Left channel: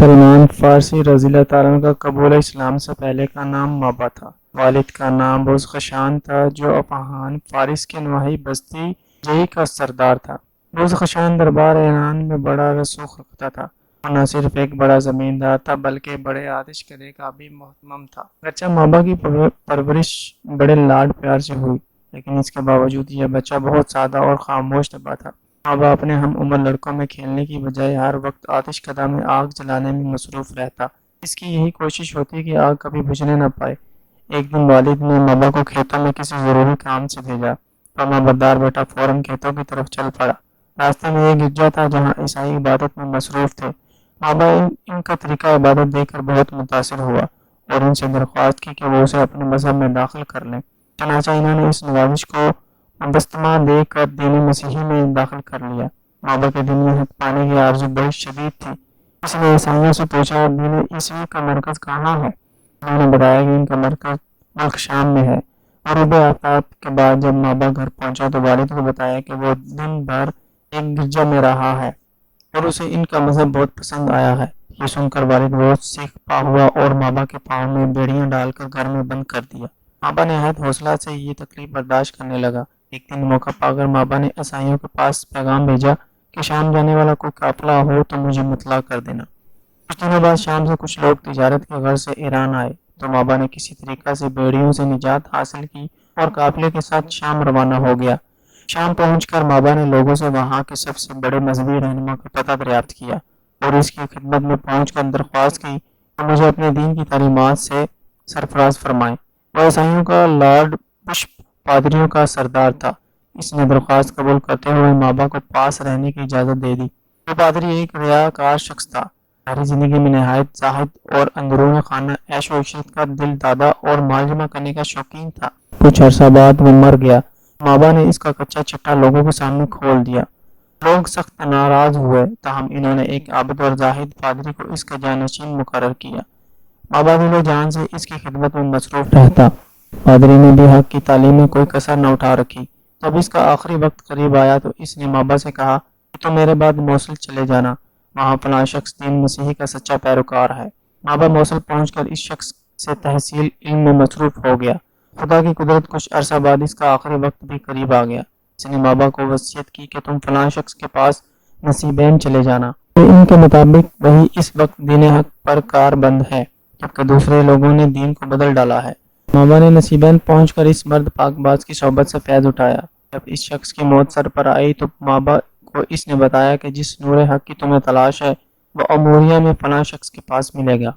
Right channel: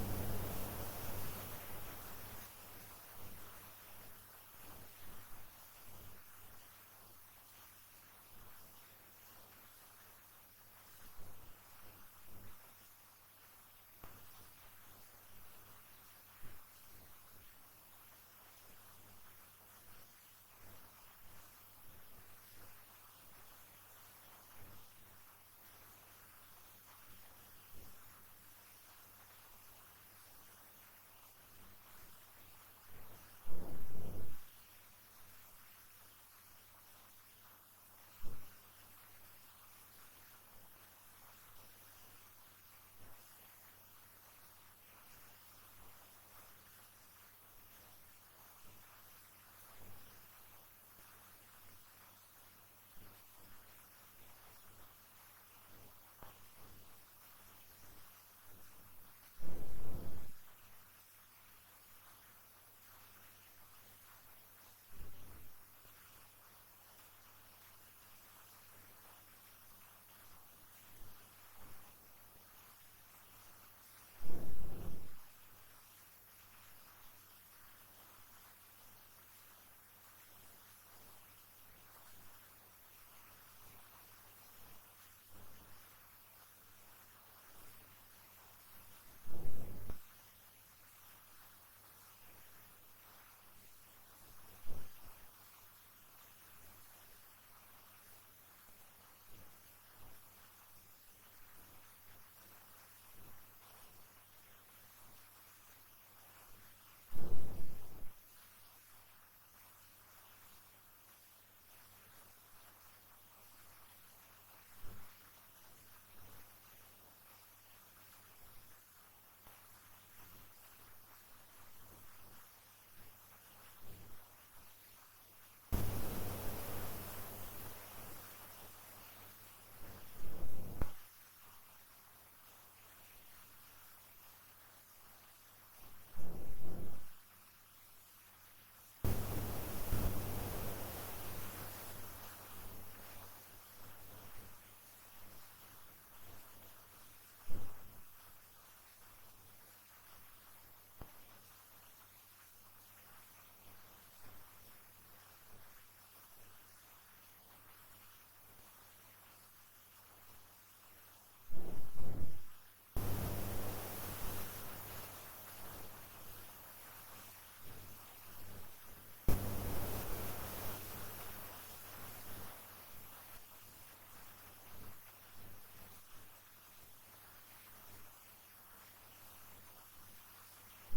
سلمان فارسی رضی اللہ تعالیٰ عنہ کا قبول اسلام سے پہلے کا نام مابا تھا۔ والد کا نام بزخشان تھا جو اپاہان فارس کے نواحی بستی جئی کا سردار تھا۔ بزخشان دربار ایران میں بڑا رسوخ رکھتا تھا اور نہ صرف ایک بڑا زمیندار تھا بلکہ بڑے آتش کرے کا بھی محتمم تھا۔ اگرچہ مابا کی پرورش بڑے لاڈ پیار سے ہوئی لیکن اس کے باوجود یہ بچہ بہت سادہ اور خاموش طبع تھا۔ مابا اپنے ہم عمر لڑکوں میں کھیلنے کی بجائے ہر وقت آتش کدہ میں آگ جلانے میں مصروف رہتا۔ اس کی یہی کوشش ہوتی کہ آگ کبھی بجھنے نہ پائے۔ ایک دن والد نے مابا کو کھیتوں میں کسی ضروری کام سے بھیجا۔ فرمانبردار بیٹا فوراً کھیتوں کی طرف چل پڑا۔ راستے میں ایک گرجا تھا جہاں عیسائی عبادت میں مصروف تھے۔ مابا ان کا طریقہ عبادت دیکھ کر بہت متاثر ہوا اور ان سے درخواست کی کہ وہ اسے اپنے مذہب میں داخل کر لیں۔ چنانچہ انہوں نے اس نوازش کو بستما دے کر دین مسیحی میں داخل کر لیا۔ مابا کے دل میں حق پانے کی آرزو بڑی شدید تھی۔ اس نے عیسائیوں سے پوچھا دین عیسوی کا مرکز کہاں ہے؟ انہوں نے بتایا کہ ان کا مرکز ملک شام میں ہے۔ غروب آفتاب کے بعد جب مابا گھر پہنچا تو والد کو بتایا کہ وہ دن بھر ایک گرجا میں رہا ہے اور اسے ان کا مذہب بہت پسند آیا ہے۔ یہ سن کر والد بہت سیکھ پا ہوا اور مابا کے پاؤں میں بیڑیاں ڈال کر گھر میں بند کر دیا۔ مابا نہایت حوصلہ سے یہ تکلیف برداشت کرنے لگا۔ ایک دن موقع پا کر مابا نے عیسائیوں کے پاس پیغام بھیجا کہ شام جانے والا کوئی قافلہ ہو تو مجھے مطلع کر دینا۔ کچھ دنوں بعد شام سے کچھ لوگ تجارت کے غرض سے ایران آئے تو مابا نے کسی طریقہ سے بیڑیوں سے نجات حاصل کی اور قافلے کے ساتھ شام روانہ ہو گیا۔ شام پہنچ کر مابا نے لوگوں سے وہاں کے سب سے بڑے مذہبی رہنما کا پتہ دریافت کیا اور اس کی خدمت میں پہنچ کر درخواست کی کہ مجھے اپنے دین کی تعلیمات سے سرفراز فرمائیں۔ وہ عیسائیوں کا لارڈ بشپ پادریوں کا سردار تھا۔ اس نے درخواست قبول کرتے ہوئے مابا کو پاس رہنے کی اجازت دے دی۔ وہ پادری ایک ریاکار شخص تھا، ظاہری زندگی میں نہایت زاہد اور اندرون خانہ عیش و عشرت کا دل دادا اور مال جمع کرنے کا شوقین تھا۔ کچھ عرصہ بعد وہ مر گیا۔ مابا نے اس کا کچا چٹا لوگوں کے سامنے کھول دیا۔ لوگ سخت ناراض ہوئے تاہم انہوں نے ایک عابد اور زاہد پادری کو اس کا جانشین مقرر کیا۔ مابا دل و جان سے اس کی خدمت میں مصروف رہتا۔ پادری نے بھی حق کی تعلیم میں کوئی کسر نہ اٹھا رکھی۔ جب اس کا آخری وقت قریب آیا تو اس نے مابا سے کہا کہ تم میرے بعد موصل چلے جانا، وہاں فلاں شخص دین مسیحی کا سچا پیروکار ہے۔ مابا موصل پہنچ کر اس شخص سے تحصیل علم میں مصروف ہو گیا۔ خدا کی قدرت کچھ عرصہ بعد اس کا آخری وقت بھی قریب آ گیا۔ اس نے مابا کو وصیت کی کہ تم فلاں شخص کے پاس نصیبین چلے جانا۔ ان کے مطابق وہی اس وقت دین حق پر کار بند ہے جبکہ دوسرے لوگوں نے دین کو بدل ڈالا ہے۔ مابا نے نصیبین پہنچ کر اس مرد پاک باز کی صحبت سے فیض اٹھایا۔ جب اس شخص کی موت سر پر آئی تو مابا کو اس نے بتایا کہ جس نور حق کی تمہیں تلاش ہے وہ اموریہ میں فلاں شخص کے پاس ملے گا۔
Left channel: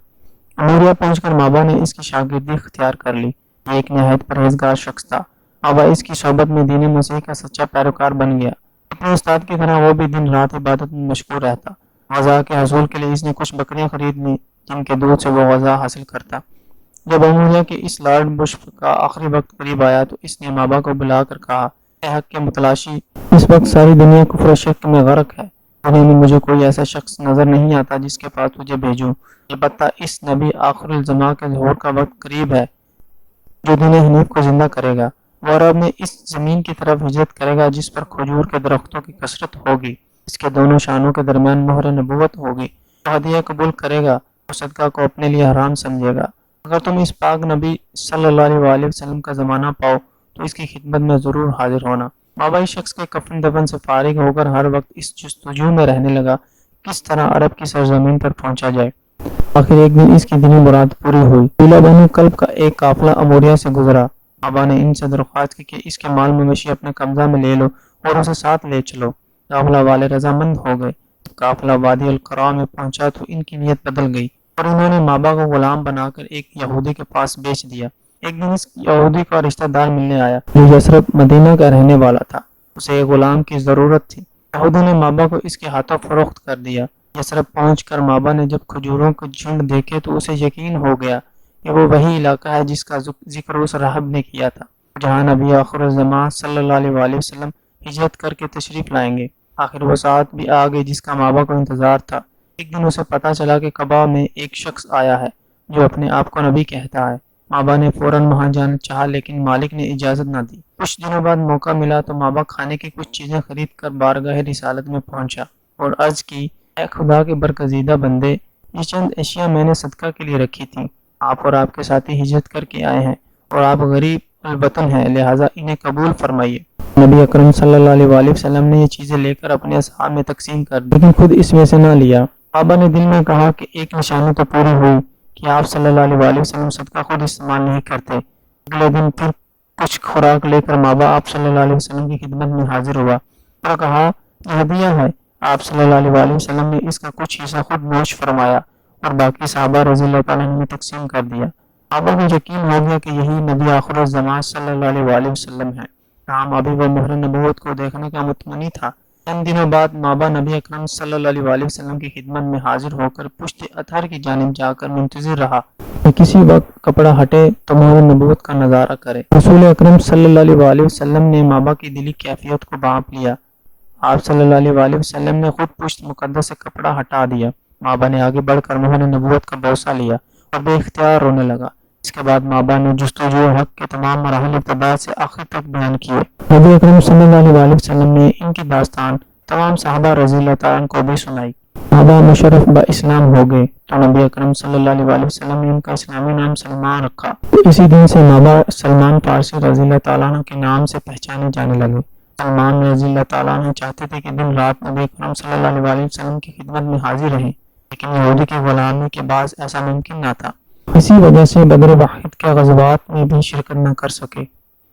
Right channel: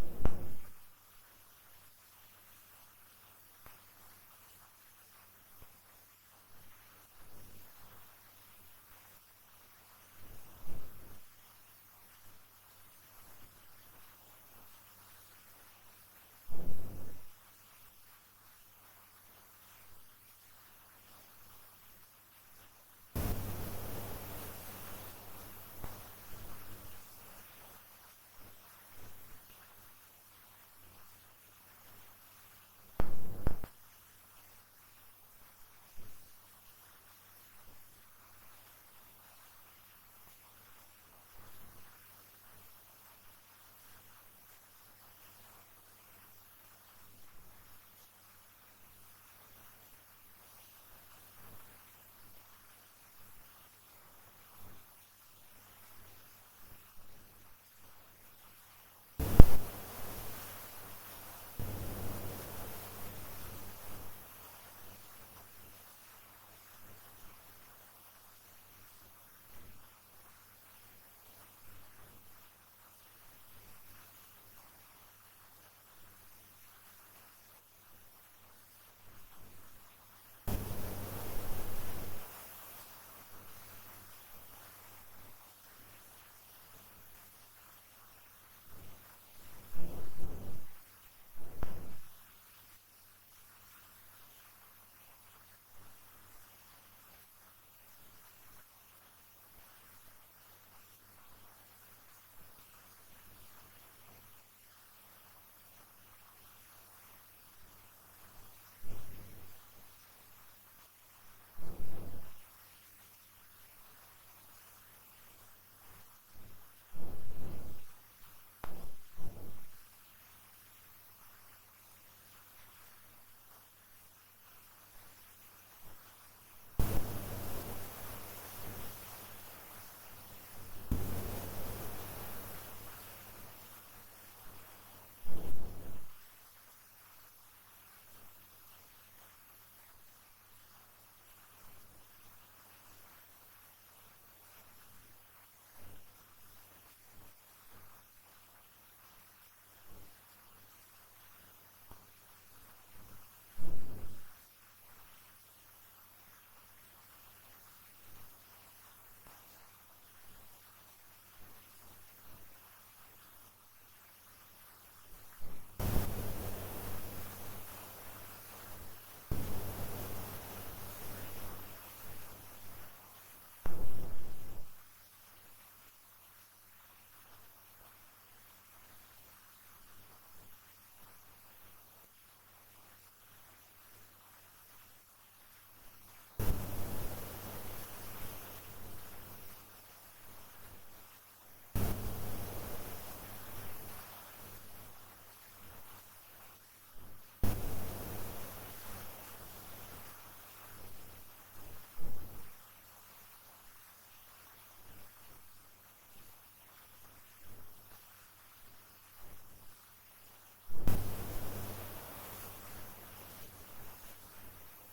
اموریہ پہنچ کر مابا نے اس کی شاگردی اختیار کر لی۔ یہ ایک نہایت پرہیزگار شخص تھا۔ مابا اس کی صحبت میں دین مسیح کا سچا پیروکار بن گیا۔ اپنے استاد کی طرح وہ بھی دن رات عبادت میں مشغول رہتا۔ غذا کے حصول کے لیے اس نے کچھ بکریاں خرید لیں جن کے دودھ سے وہ غذا حاصل کرتا۔ جب اموریہ کے اس لارڈ بشپ کا آخری وقت قریب آیا تو اس نے مابا کو بلا کر کہا اے حق کے متلاشی، اس وقت ساری دنیا کفر و شرک میں غرق ہے۔ دنیا میں مجھے کوئی ایسا شخص نظر نہیں آتا جس کے پاس تجھے بھیجوں، البتہ اس نبی آخر الزماں کے ظہور کا وقت قریب ہے جو دین حنیف کو زندہ کرے گا۔ وہ عرب میں اس زمین کی طرف ہجرت کرے گا جس پر کھجور کے درختوں کی کثرت ہوگی، اس کے دونوں شانوں کے درمیان مہر نبوت ہوگی۔ وہ ہدیہ قبول کرے گا، وہ صدقہ کو اپنے لیے حرام سمجھے گا۔ اگر تم اس پاک نبی صلی اللہ علیہ وسلم کا زمانہ پاؤ تو اس کی خدمت میں ضرور حاضر ہونا۔ مابا اس شخص کے کفن دفن سے فارغ ہو کر ہر وقت اس جستجو میں رہنے لگا کس طرح عرب کی سرزمین پر پہنچا جائے۔ آخر ایک دن اس کی دینی مراد پوری ہوئی۔ قبیلہ بنو کلب کا ایک قافلہ اموریہ سے گزرا۔ مابا نے ان سے درخواست کی کہ اس کے مال مویشی اپنے قبضہ میں لے لو اور اسے ساتھ لے چلو۔ قافلہ والے رضامند ہو گئے۔ قافلہ وادی القرا میں پہنچا تو ان کی نیت بدل گئی اور انہوں نے مابا کو غلام بنا کر ایک یہودی کے پاس بیچ دیا۔ ایک دن اس یہودی کا رشتہ دار ملنے آیا جو یثرب مدینہ کا رہنے والا تھا۔ اسے ایک غلام کی ضرورت تھی۔ یہودی نے مابا کو اس کے ہاتھوں فروخت کر دیا۔ یثرب پہنچ کر مابا نے جب کھجوروں کے جھنڈ دیکھے تو اسے یقین ہو گیا کہ وہ وہی علاقہ ہے جس کا ذکر اس راہب نے کیا تھا جہاں نبی آخر الزماں صلی اللہ علیہ وسلم ہجرت کر کے تشریف لائیں گے۔ آخر وہ ساتھ بھی آ گئی جس کا مابا کو انتظار تھا۔ ایک دن اسے پتہ چلا کہ قبا میں ایک شخص آیا ہے جو اپنے آپ کو نبی کہتا ہے۔ مابا نے فوراً وہاں جانا چاہا لیکن مالک نے اجازت نہ دی۔ کچھ دنوں بعد موقع ملا تو مابا کھانے کی کچھ چیزیں خرید کر بارگاہ رسالت میں پہنچا اور عرض کی اے خدا کے برگزیدہ بندے، یہ چند اشیاء میں نے صدقہ کے لیے رکھی تھیں۔ آپ اور آپ کے ساتھی ہجرت کر کے آئے ہیں اور آپ غریب الوطن ہیں، لہٰذا انہیں قبول فرمائیے۔ نبی اکرم صلی اللہ علیہ وآلہ وسلم نے یہ چیزیں لے کر اپنے اصحاب میں تقسیم کر دی، لیکن خود اس میں سے نہ لیا۔ صحابہ نے دل میں کہا کہ ایک نشانی تو پوری ہوئی کہ آپ صلی اللہ علیہ وآلہ وسلم صدقہ خود استعمال نہیں کرتے۔ اگلے دن پھر کچھ خوراک لے کر ماں باپ صلی اللہ علیہ وسلم کی خدمت میں حاضر ہوا اور کہا یہ ہدیہ ہے۔ آپ صلی اللہ علیہ وآلہ وسلم نے اس کا کچھ حصہ خود نوش فرمایا اور باقی صحابہ رضی اللہ تعالیٰ عنہ نے تقسیم کر دیا۔ صحابہ کو یقین ہو گیا کہ یہی نبی آخر الزمان صلی اللہ علیہ وآلہ وسلم ہے۔ کام ابھی وہ مہر نبوت کو دیکھنے کا متمنی تھا۔ چند دنوں بعد مابا نبی اکرم صلی اللہ علیہ وآلہ وسلم کی خدمت میں حاضر ہو کر پشت اطہر کی جانب جا کر منتظر رہا کہ کسی وقت کپڑا ہٹے تو مہر نبوت کا نظارہ کرے۔ رسول اکرم صلی اللہ علیہ وآلہ وسلم نے مابا کی دلی کیفیت کو بھانپ لیا۔ آپ صلی اللہ علیہ وآلہ وسلم نے خود پشت مقدس سے کپڑا ہٹا دیا۔ مابا نے آگے بڑھ کر مہر نبوت کا بوسہ لیا اور بے اختیار رونے لگا۔ اس کے بعد مابا نے جستجو حق کے تمام مراحل ابتدا سے آخر تک بیان کیے۔ نبی اکرم صلی اللہ علیہ وآلہ وسلم نے ان کی داستان تمام صحابہ رضی اللہ تعالیٰ عنہ کو بھی سنائی۔ مابا مشرف با اسلام ہو گئے تو نبی اکرم صلی اللہ علیہ وآلہ وسلم نے ان کا اسلامی نام سلمان رکھا۔ اسی دن سے مابا سلمان فارسی رضی اللہ تعالیٰ عنہ کے نام سے پہچانے جانے لگے۔ سلمان رضی اللہ تعالیٰ عنہ چاہتے تھے کہ دن رات نبی اکرم صلی اللہ علیہ وآلہ وسلم کی خدمت میں حاضر رہیں، لیکن یہودی کے غلامی کے باعث ایسا ممکن نہ تھا۔ اسی وجہ سے بدر واحد کے غزوات میں بھی شرکت نہ کر سکے۔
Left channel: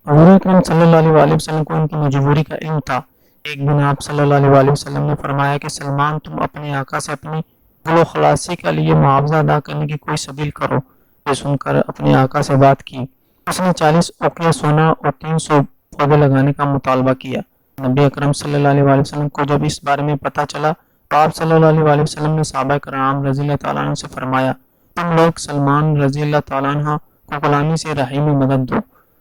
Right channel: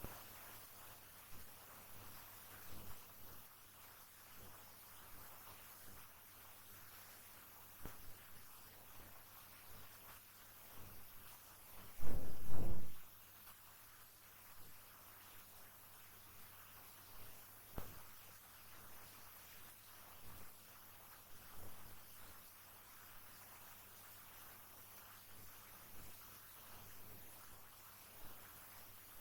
حضور اکرم صلی اللہ علیہ وآلہ وسلم کو ان کی مجبوری کا علم تھا۔ ایک دن آپ صلی اللہ علیہ وآلہ وسلم نے فرمایا کہ سلمان تم اپنے آقا سے اپنی گل و خلاصی کے لیے معاوضہ ادا کرنے کی کوئی سبیل کرو۔ یہ سن کر اپنے آقا سے بات کی۔ اس نے 40 اوقیہ سونا اور 300 پودے لگانے کا مطالبہ کیا۔ نبی اکرم صلی اللہ علیہ وآلہ وسلم کو جب اس بارے میں پتہ چلا تو آپ صلی اللہ علیہ وآلہ وسلم نے صحابہ کرام رضی اللہ تعالیٰ عنہ سے فرمایا تم لوگ سلمان رضی اللہ تعالیٰ عنہ کو غلامی سے رہائی میں مدد دو۔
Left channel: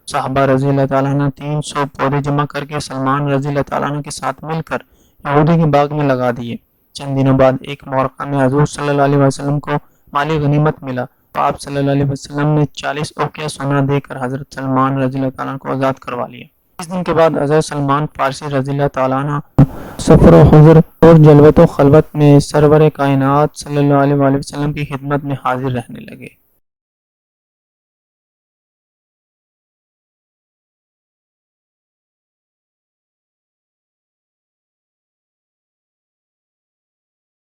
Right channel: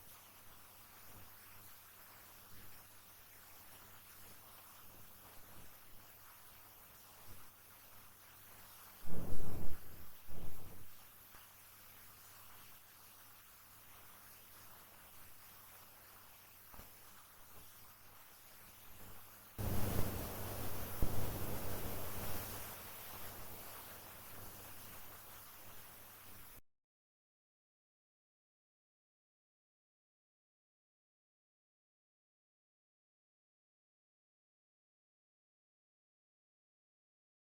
صحابہ رضی اللہ تعالیٰ عنہ 300 پودے جمع کر کے سلمان رضی اللہ تعالیٰ عنہ کے ساتھ مل کر یہودی کے باغ میں لگا دیے۔ چند دنوں بعد ایک مورخہ میں حضور صلی اللہ علیہ وسلم کو مالی غنیمت ملا تو آپ صلی اللہ علیہ وسلم نے 40 اوقیہ سونا دے کر حضرت سلمان رضی اللہ تعالیٰ عنہ کو آزاد کروا لیا۔ اس دن کے بعد حضرت سلمان فارسی رضی اللہ تعالیٰ عنہ سفر و حضر اور جلوت و خلوت میں سرور کائنات صلی اللہ علیہ وسلم کی خدمت میں حاضر رہنے لگے۔